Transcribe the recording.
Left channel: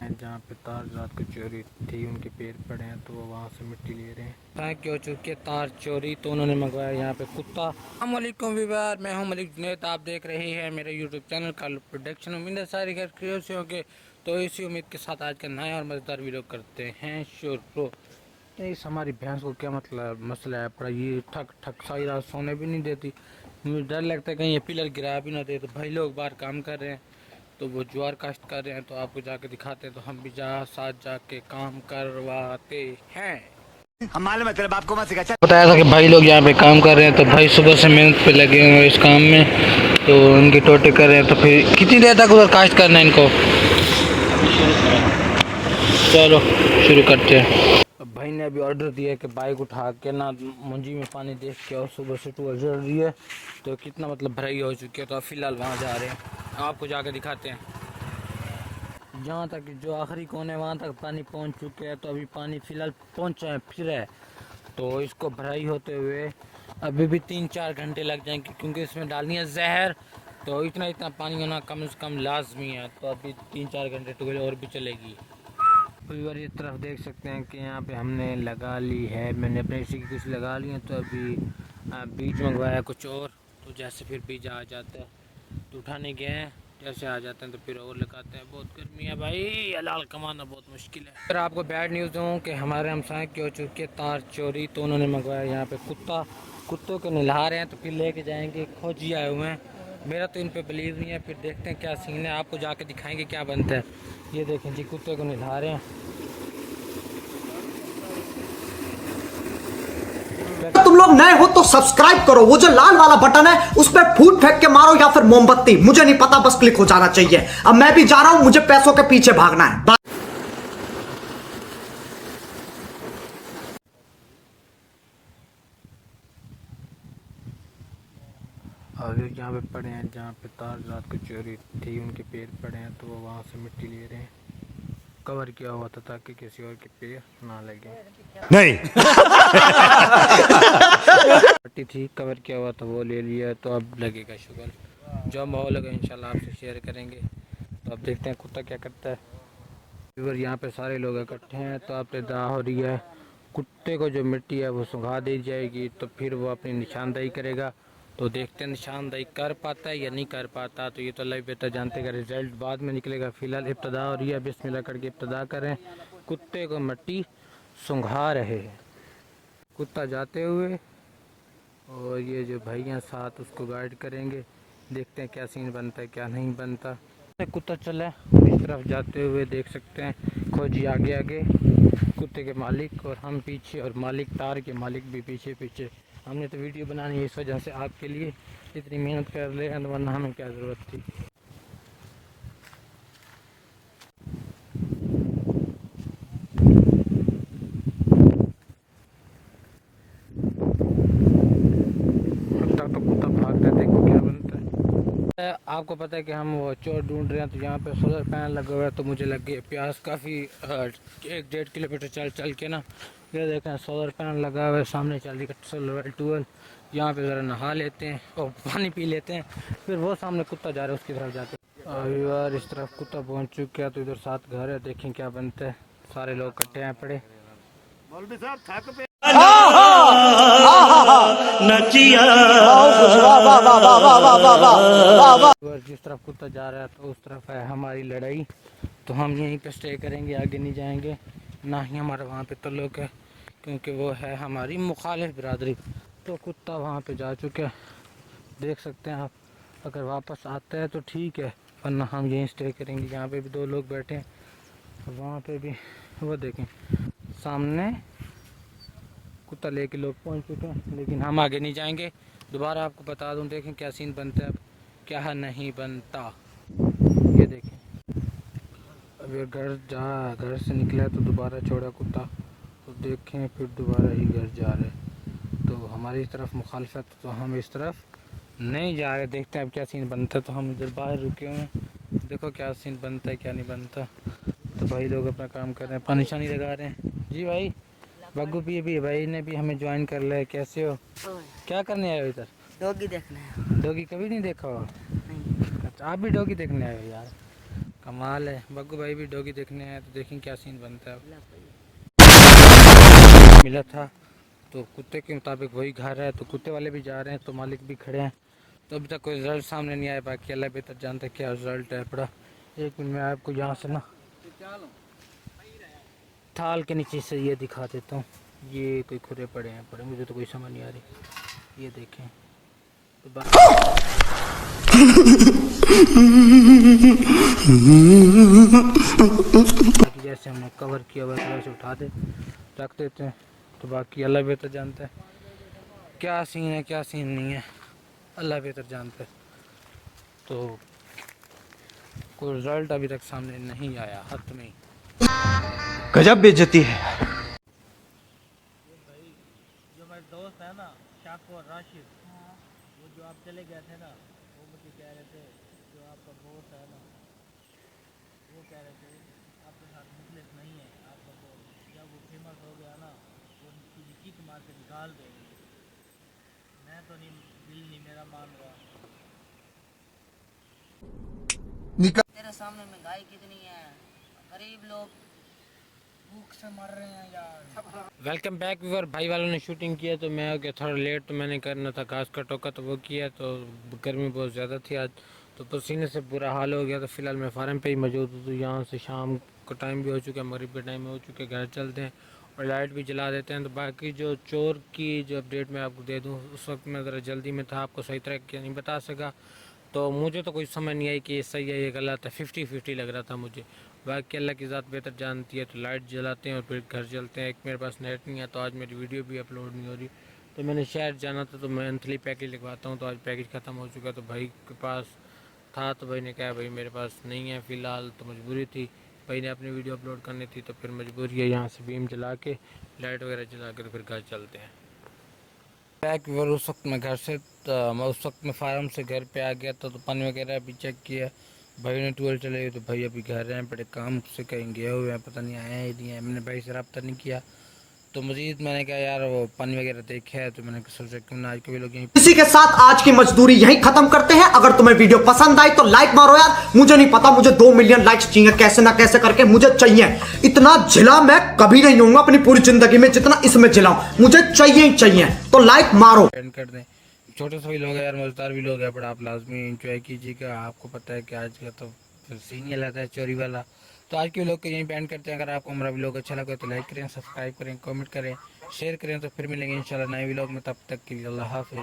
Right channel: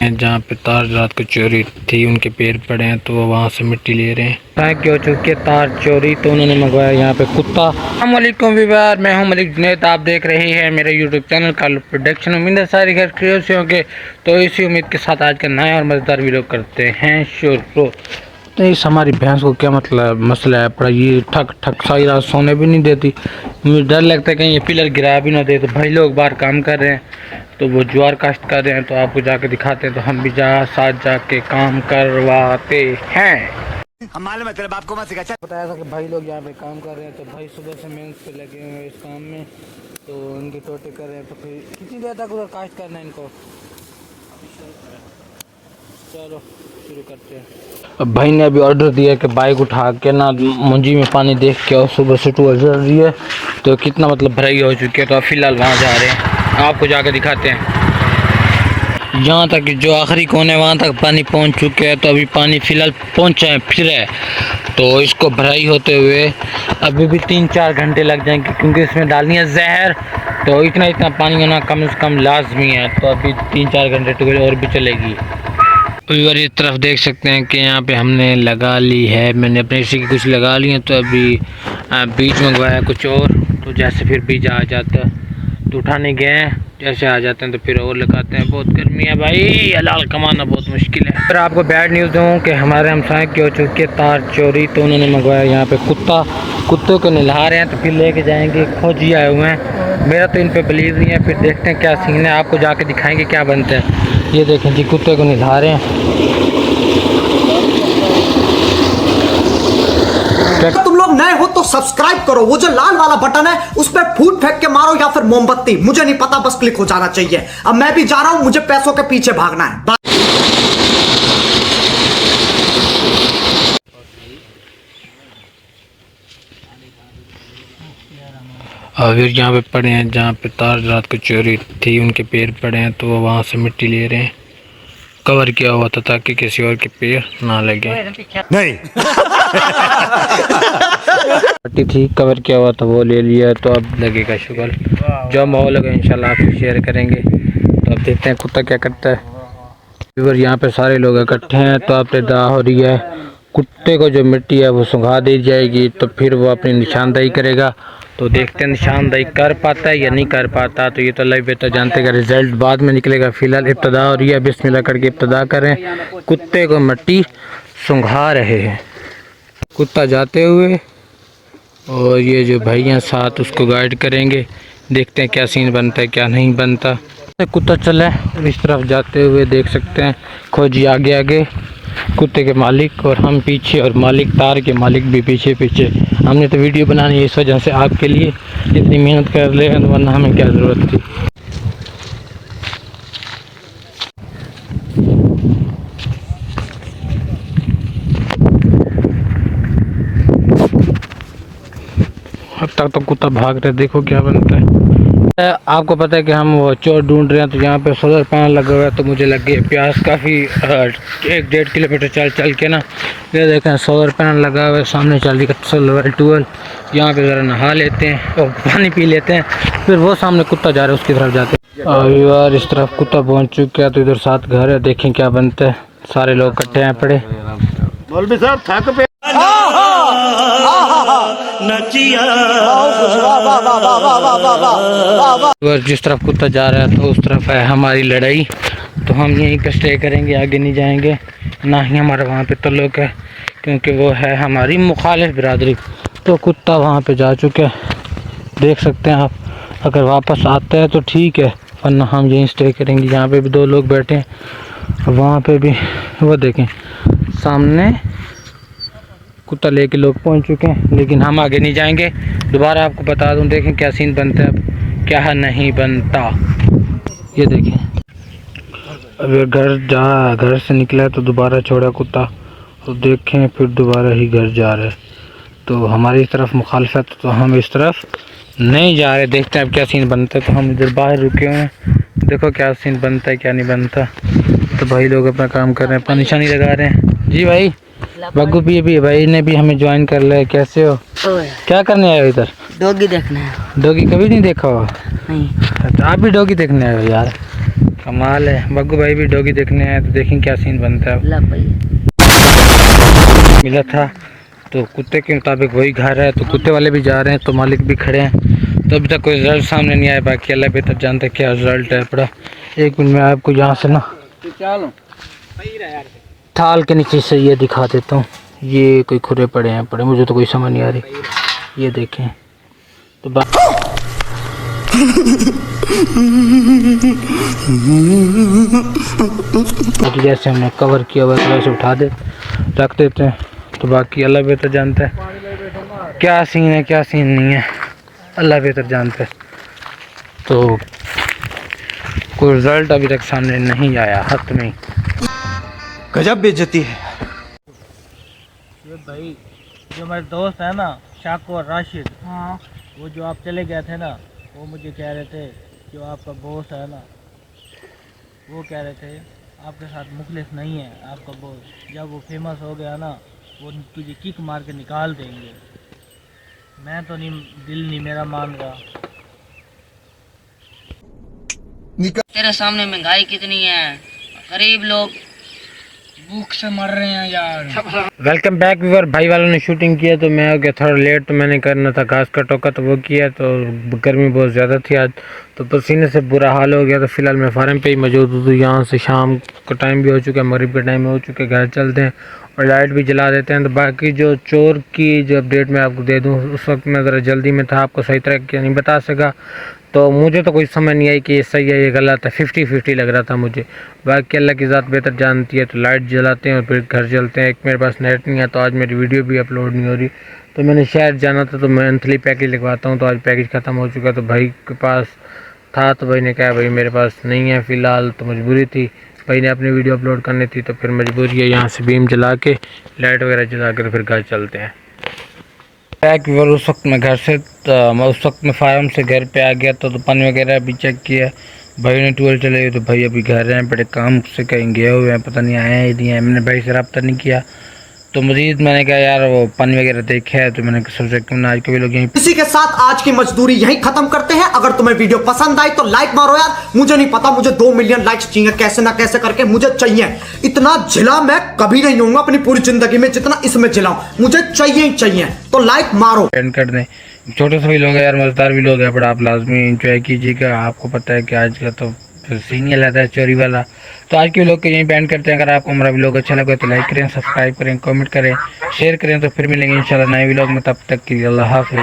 जहाँ पे तार रात को चोरी थी, उनके पैर पड़े हैं तो वो वहाँ से मिट्टी ले रहे हैं। क्या हो चुकी है तार चोरी, तो उन्होंने मंगवाया यहाँ पे कुत्ता। अस्सलाम वालेकुम व्यूअर, मैं हूँ मलिक जुनैद, आप देख रहे हैं मेरे यूट्यूब चैनल का प्रोडक्शन। उम्मीद है सारी घर क्रिएट से होंगे, तो इसी उम्मीद के साथ आज का नया और मज़ेदार वीडियो करते हैं शुरू। तो इस हमारी भैंस को क्या मतलब मसला है पड़ा, ये ठक ठक सारी रात सोने भी नहीं देती। मुझे डर लगता है कहीं ये पिलर गिरा भी ना दे। तो भाई लोग बाहर काम कर रहे हैं, तो वो ज्वार काश्त कर रहे हैं, तो आपको जाके दिखाते हैं। तो हम भी साथ जाके काम करवाते हैं। हम मालूम है तेरे बाप को मत सिखा। बताया था कि भाई लोग यहाँ पे काम कर रहे हैं, तो भाई सुबह से मेहनत पे लगे हुए हैं इस काम में, तो उनके टोटे कर रहे हैं। तो फिर कितनी देर तक उधर काश्त करना है इनको? चलो शुरू करते हैं। अब भाई ने अभी ऑर्डर दिया कि बाइक उठा के ना मुंजी में पानी देख के, और सुबह से 12 चल रही है, तो कितना मतलब भराई हो चुकी है। तो अब फिलहाल वहाँ जा रहे हैं, आपको जाकर दिखाते हैं। यहाँ तक जो आखिरी कोने वहाँ तक पानी पहुँच चुके हैं, तो अभी पानी फिलहाल पहुँचा है फिर है, तो इसको भराई होते हुए अभी भी 3-4 घंटे लग जाएंगे, क्योंकि इसमें डालनी है जहर। तो इतना पानी होना कम से कम लाजमी है। तो अभी 3-4 घंटे टूबेल और भी चलेगी। व्यूअर इस तरफ देख सकते हैं कि यहाँ पे हमने लगा ली है, मैंने अपने इसी की कुछ लगा ली है। तो अभी बीज मंगवाया कुछ और, तो जैसे फिर बीज आ जाता तो उठाने गए हैं, जैसे आ जाते हैं तो फिर और लगाते हैं। बहुत गर्मी है भाई, हलाल कमाना बहुत मुश्किल है। फिर आपको बैड न्यूज़ दूँ कि हमारे हमसाए की हो चुकी है तार चोरी, तो उन्होंने मंगवाया यहाँ पे कुत्तों को नहला रहे हैं, तो फिर लेके जाएंगे। खोजी आए हुए हैं, मेरा तो इन पे बिलीव नहीं है। फिर देखते हैं क्या सीन है, आपको जाके दिखाएंगे क्या बनते हैं। ये देखें जी, कुत्ते को नहला रहे हैं। तुम लोग नए हो तो सब्सक्राइब करो, वो जो लाल वाला बटन है उस पर फूट फेंक के मारो या फिर मोमबत्ती, मुझे नहीं पता, बस क्लिक हो जाना चाहिए। अब मैं भी जा रहा हूं, मुझे पैसों के पीछे भागना है। फिर यहाँ पे पड़े हैं, जहाँ पे तार रात को चोरी थी, उनके पैर पड़े हैं, तो वो वहाँ से मिट्टी ले रहे हैं। कवर किया हुआ था ताकि किसी और के पैर ना लगे। नहीं मिट्टी थी, कवर किया हुआ था, वो ले लिया, तो अब लगेगा शुगर। जो माहौल लगा इंशाल्लाह आपको शेयर करेंगे। तो अब देखते हैं कुत्ता क्या करता है। फिर यहाँ पे सारे लोग इकट्ठे हैं, तो अब इब्तिदा हो रही है। कुत्ते को जो मिट्टी है वो सुंघा दी जाएगी, तो फिर वो अपनी निशानदेही करेगा। तो देखते हैं निशानदेही कर पाता है या नहीं कर पाता। तो ये तो अल्लाह बेहतर जानते का रिजल्ट बाद में निकलेगा। फिलहाल इब्तिदा हो रही है, बिस्मिल्लाह करके इब्तिदा करें। कुत्ते को मिट्टी सुंघा रहे हैं, कुत्ता जाते हुए, और ये जो भाई हैं साथ उसको गाइड करेंगे। देखते हैं क्या सीन बनता है क्या नहीं बनता। कुत्ता चला है इस तरफ जाते हुए, देख सकते हैं। खोजी आगे आगे, कुत्ते के मालिक और हम पीछे, और मालिक तार के मालिक भी पीछे पीछे। हमने तो वीडियो बनानी है इस वजह से आपके लिए, इतनी मेहनत कर ले, वरना हमें क्या ज़रूरत थी। अब तक तो कुत्ता भाग रहे, देखो क्या बनता है। आपको पता है कि हम वो चोर ढूंढ रहे हैं, तो यहाँ पे सोलर पैनल लगा हुआ है, तो मुझे लग गए प्यास काफ़ी 1-1.5 किलोमीटर चल के ना। ये देखें सोलर पैनल लगा हुआ है, सामने चल रही है सोलर ट्यूबवेल। यहाँ पे ज़रा नहा लेते हैं और पानी पी लेते हैं, फिर वो सामने कुत्ता जा रहा है उसकी तरफ जाते हैं। और यार इस तरफ कुत्ता पहुँच चुका है, तो इधर 7 घर है, देखें क्या बनता है। सारे लोग इकट्ठे हैं पड़े। मौलवी साहब थक पे जिस तरफ कुत्ता जा रहा है, तो उस तरफ है हमारी लड़ाई। तो हम यहीं पे स्टे करेंगे, आगे नहीं जाएंगे, ना ही हमारा वहाँ पे तल्लुक है, क्योंकि वो है हमारी मुखालिफ बिरादरी। तो कुत्ता वहाँ पे जा चुका है, देख सकते हैं आप। अगर वापस आता है तो ठीक है, वरना हम यहीं स्टे करेंगे। यहाँ पे भी 2 लोग बैठे हैं, वहाँ पे भी वो देखें सामने कुत्ता लेके लोग पहुंच चुके हैं, लेकिन हम आगे नहीं जाएंगे। दोबारा आपको बता दूं, देखें क्या सीन बनता है, अब क्या नहीं बनता। ये देखें, अगर घर से निकला है तो दोबारा छोड़ा कुत्ता, तो देखें फिर दोबारा ही घर जा रहा है। तो हमारी तरफ मुखालफत, तो हम इस तरफ नहीं जा रहे। देखते हैं अब क्या सीन बनता है। तो हम इधर बाहर रुके हुए हैं, देखो क्या सीन बनता है क्या नहीं बनता। तो भाई लोग अपना काम कर रहे हैं, अपना निशानी लगा रहे हैं। जी भाई बग्गू भी भाई ने भी हमें ज्वाइन कर लिया। कैसे हो? क्या करने आए हो इधर? डॉगी देखना है। डॉगी कभी नहीं देखा हो? नहीं। तो आप भी डॉगी देखने आए हो यार? कमाल है। बग्गू भाई भी डॉगी देखने आए तो देखें क्या सीन बनता है। ला भाई मिला था तो कुत्ते के मुताबिक वही घर है, तो कुत्ते वाले भी जा रहे हैं तो मालिक भी खड़े हैं। तो अभी तक कोई रिजल्ट सामने नहीं आया, बाकी अल्लाह बेहतर जानते हैं क्या रिजल्ट है। बड़ा 1 मिनट में आपको यहाँ से ना थाल के नीचे से ये दिखा देता हूँ। ये कोई खुरे पड़े हैं, मुझे तो कोई समझ नहीं आ रही। ये देखें तो बाकी जैसे हमने कवर किया हुआ है वैसे उठा दे रख देते हैं। तो बाकी अल्लाह बेहतर जानता है क्या सीन है क्या सीन नहीं है, अल्लाह बेहतर जानता है। तो कोई रिजल्ट अभी तक सामने नहीं आया हाथ में। गजब बेइज्जती है। ये भाई जो मेरे दोस्त है ना शाको और राशिद, हाँ वो जो आप चले गए थे ना, वो मुझे कह रहे थे जो आपका बॉस है ना, वो कह रहे थे आपके साथ मुखलिस नहीं है आपका बॉस, जब वो फेमस हो गया ना वो तुझे किक मार के निकाल देंगे। मैं तो नहीं, दिल नहीं मेरा मान रहा। तेरे सामने महंगाई कितनी है, गरीब लोग भूख से मर रहे हैं यार। Welcome back viewer. भाई वालों ने शूटिंग किया तो मैं हो गया थोड़ा लेट, तो मैंने करना था घास का टोका तो वो किया, तो गर्मी बहुत ज़्यादा थी आज तो पसीने से बुरा हाल हो गया। तो फिलहाल मैं फार्म पे ही मौजूद हूँ। तो यहाँ से शाम का टाइम भी हो चुका है, मगरिब का टाइम हो चुका है, घर चलते हैं और लाइट भी जला देते हैं। तो बाकी जो चोर की जो अपडेट मैं आपको दे दूँ, उस वक्त मैं ज़रा जल्दी में था, आपको सही तरह क्या नहीं बता सका। तो मुझे तो कोई समझ नहीं आई कि ये सही है ये गलत है, 50-50 लग रहा था मुझे। बाकी अल्लाह की ज़ात बेहतर जानती है। तो लाइट जलाते हैं और फिर घर चलते हैं। एक मेरे पास नेट नहीं है तो आज मेरी वीडियो भी अपलोड नहीं हो रही। तो मैंने शहर जाना था तो मंथली पैकेज लगवाता हूँ, तो आज पैकेज ख़त्म हो चुका। तो भाई के पास था तो भाई ने कहा भाई मेरे पास नहीं है फ़िलहाल, तो मजबूरी थी, भाई ने अपनी वीडियो अपलोड करनी थी तो फिर मजबूरी है यहाँ से बीम जला के लाइट वगैरह जला कर फिर घर चलते हैं। बैक व्यूअर उस वक्त मैं घर से उस वक्त मैं फार्म से घर पे आ गया तो पानी वगैरह भी चेक किया। भाई ने टूर चले गए तो भाई अभी घर हैं, बड़े काम से कहीं गए हुए हैं, पता नहीं आए हैं नहीं आए। मैंने भाई से रब्ता नहीं किया तो मजीद मैंने कहा यार वो पानी वगैरह देखा है तो मैंने सोचा क्यों ना आज के भी लोग यहीं। इसी के साथ आज की मजदूरी यहीं खत्म करते हैं। अगर तुम्हें वीडियो पसंद आई तो लाइक मारो यार, मुझे नहीं पता, मुझे 2 मिलियन लाइक्स चाहिए, कैसे ना कैसे करके मुझे चाहिए। इतना झिला मैं कभी नहीं होऊंगा अपनी पूरी जिंदगी में जितना इसमें झिलाऊं, मुझे चाहिए ही चाहिए। तो लाइक मारो। एंड कर दें। छोटे से भी लोग हैं यार, मजेदार भी लोग हैं, बट आप लाजमी इंजॉय कीजिएगा। आपको पता है कि आज का तो फिर सीन ही रहता है चोरी वाला। तो आज के व्लॉग को यहीं बैंड करते हैं। अगर आपको हमारा व्लॉग अच्छा लगे तो लाइक करें, सब्सक्राइब करें, कमेंट करें, शेयर करें। तो फिर मिलेंगे इंशाल्लाह नए व्लॉग में, तब तक के लिए अल्लाह हाफिज़।